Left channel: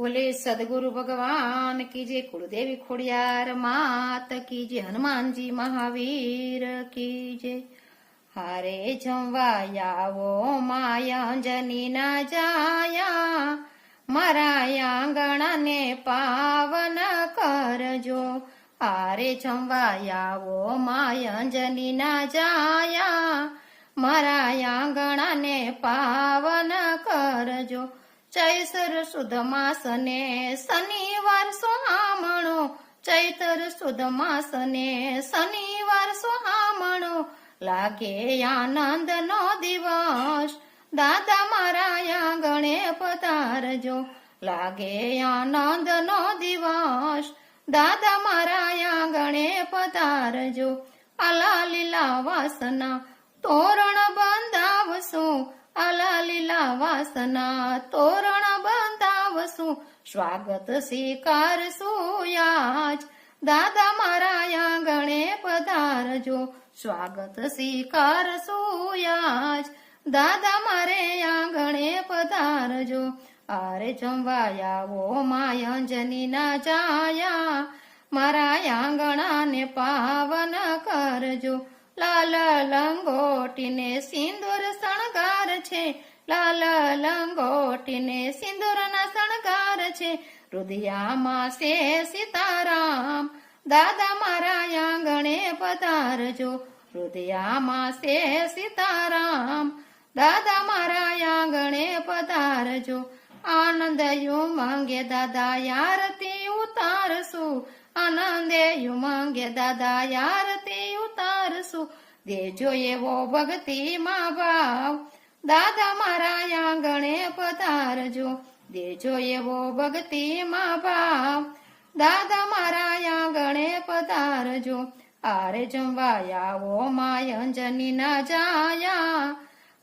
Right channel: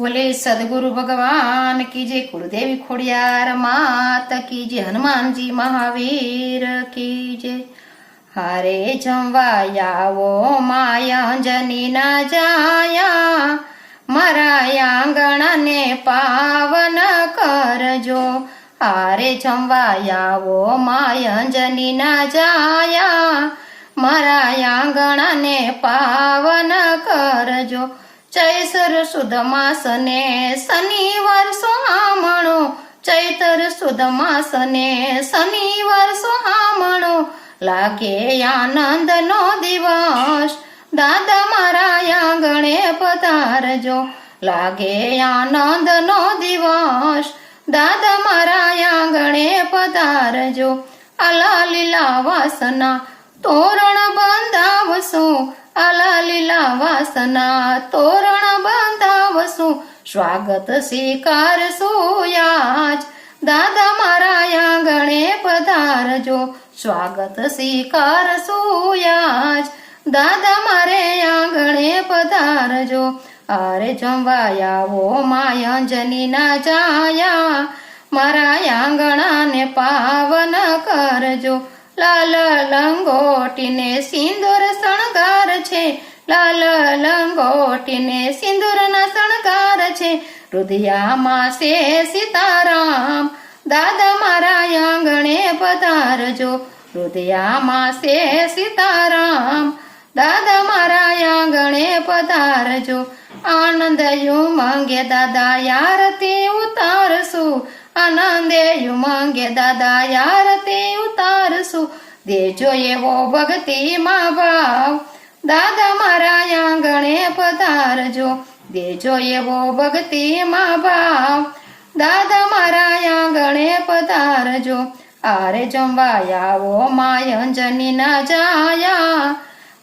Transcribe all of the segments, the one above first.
બોલે, સદગુરુ ભગવાન કી જય કુળદેવી ખોડિયાર માત કી જય હનુમાનજી મહાવીર કી જય. હારે જમવા આવો માયંજની ના જાયા, મારા આંગણને પાવન કરજો. હારે જમવાયાવો માયા માયંજની ના જાયા, મારા આંગણને પાવન કરજો. ચૈતર સુદ માસને શનિવાર સોહામણો. ચૈતર સુદ માસને શનિવાર સોહામણો. લાગે આનંદનો દિવસ. દાદા મારા આંગણે પધારજો. લાગે આનંદનો દિવસ. દાદા મારા આંગણે પધારજો. આલા લીલા વાસના તોરણ બંધાવશું, આલા લીલા વાસના તોરણ બંધાવશું, સ્વાગત સ્વીકારશું યાજ. દાદા મારા આંગણે પધારજો, સ્વાગત સ્વીકારશું યાજ. દાદા મારે આંગણે પધારજો, આરે જમવાયાવો આવો માયંજની ના જાયા. મારા આંગણાને પાવન કરજો લાલ લંગોટીને સિંદૂર શણગાર છે. લાલ લંગોટીને સિંદૂરના શણગાર છે. રુધિયામાં છે સીતારામ. દાદા મારા આંગણે પધારજો. રુધિયામાં છે સીતારામ. દાદા મારા આંગણે પધારજો. આનંદ માંગે દાદા યારતી ઉતારશું. આનંદે માંગે દાદા યારતી ઉતારશું. દેજો એવો ભક્તિમાં ભાવ. દાદા મારા આંગણે પધારજો. દેજો એવો ભક્તિમાં ભાવ. દાદા મારા આંગણે પધારજો. આરે જમવા આવો માયંજની ના જાયા.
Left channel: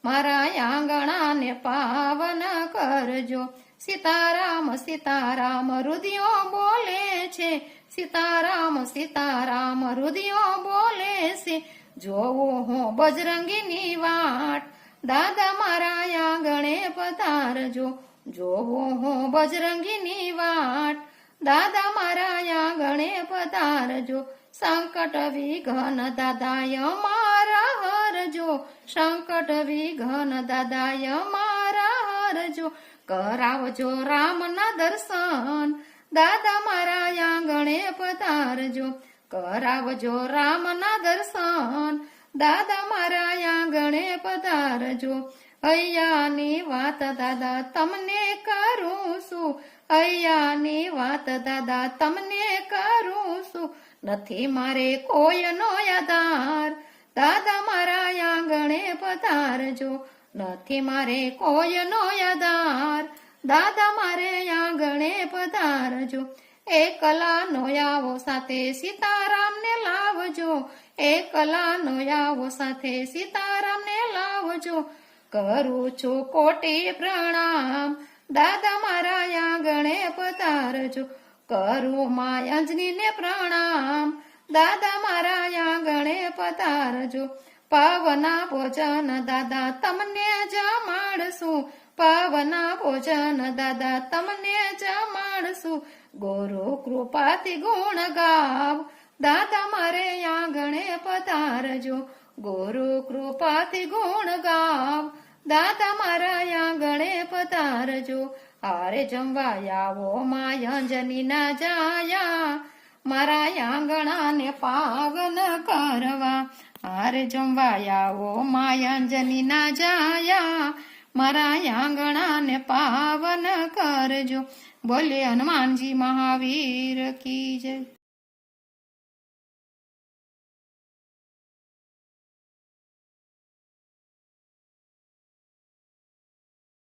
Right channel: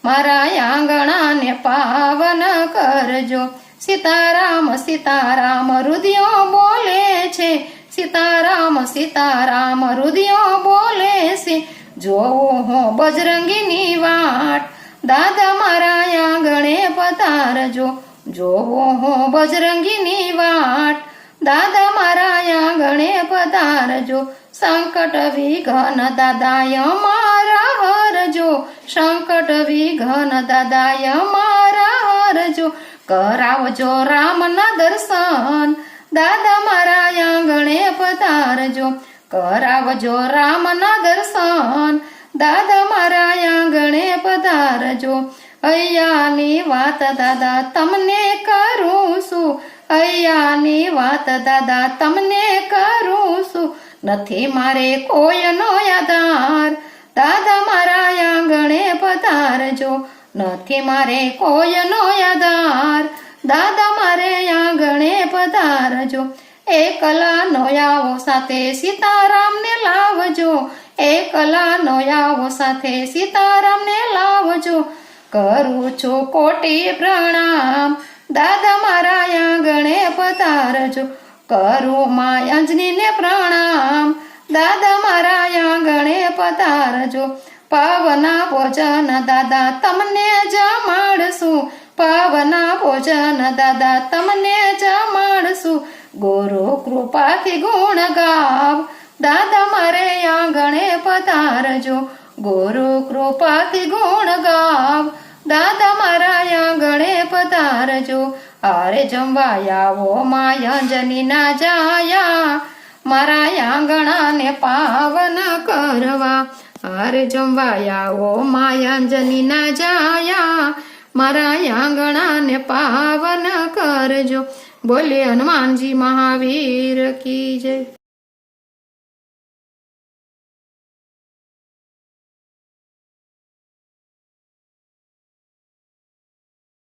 મારા આંગણાને પાવન કરજો. સીતારામ સીતારામ, રુદિયો બોલે છે. સીતારામ સીતારામ, રુદિયો બોલે છે. જોવો હો બજરંગીની વાટ. દાદા મારા આંગણે પધારજો. જોવો હો બજરંગીની વાટ. દાદા મારા આંગણે પધારજો. સંકટ વિઘન દાદાય મારા હરજો. સંકટ વિઘન દાદાય મારા હરજો. કરાવજો રામના દર્શન. દાદા મારા આંગણે પધારજો. કરાવજો રામના દર્શન દાદા મારા આંગણે પધારજો. અહીંયાની વાત દાદા તમને કરું છું. અહીંયાની વાત દાદા તમને કરું છું. નથી મારે કોઈનો આધાર. દાદા મારા આંગણે પધારજો. નથી મારે કોઈનો આધાર. દાદા મારે આંગણે પધારજો. એકલા નો આવો સાથે સીતારામને લાવજો, એકલા નો આવો સાથે સીતારામને લાવજો. કરું છું કોટી પ્રણામ, દાદા મારા આંગણે પધારજો. કરું મા અંજનીને પ્રણામ, દાદા મારા આંગણે પધારજો. પાવના ભોજન દાદા તમને જમાડશું પાવના ભોજન દાદા તમને જમાડશું ગુરુ કૃપાથી ગુણ ગાવ. દાદા મારે આંગણે પધારજો ગુરુ કૃપાથી ગુણ ગાવ. દાદા મારા આંગણે પધારજો આરે જમવાયાવો માયંજની ના જાયા. મારા આંગણાને પાવન કરવા. આરે જમવાયાવો માયંજની ના જાયા. મારા આંગણાને પાવન કરજો. બોલે હનુમાનજી મહાવીર કી જય.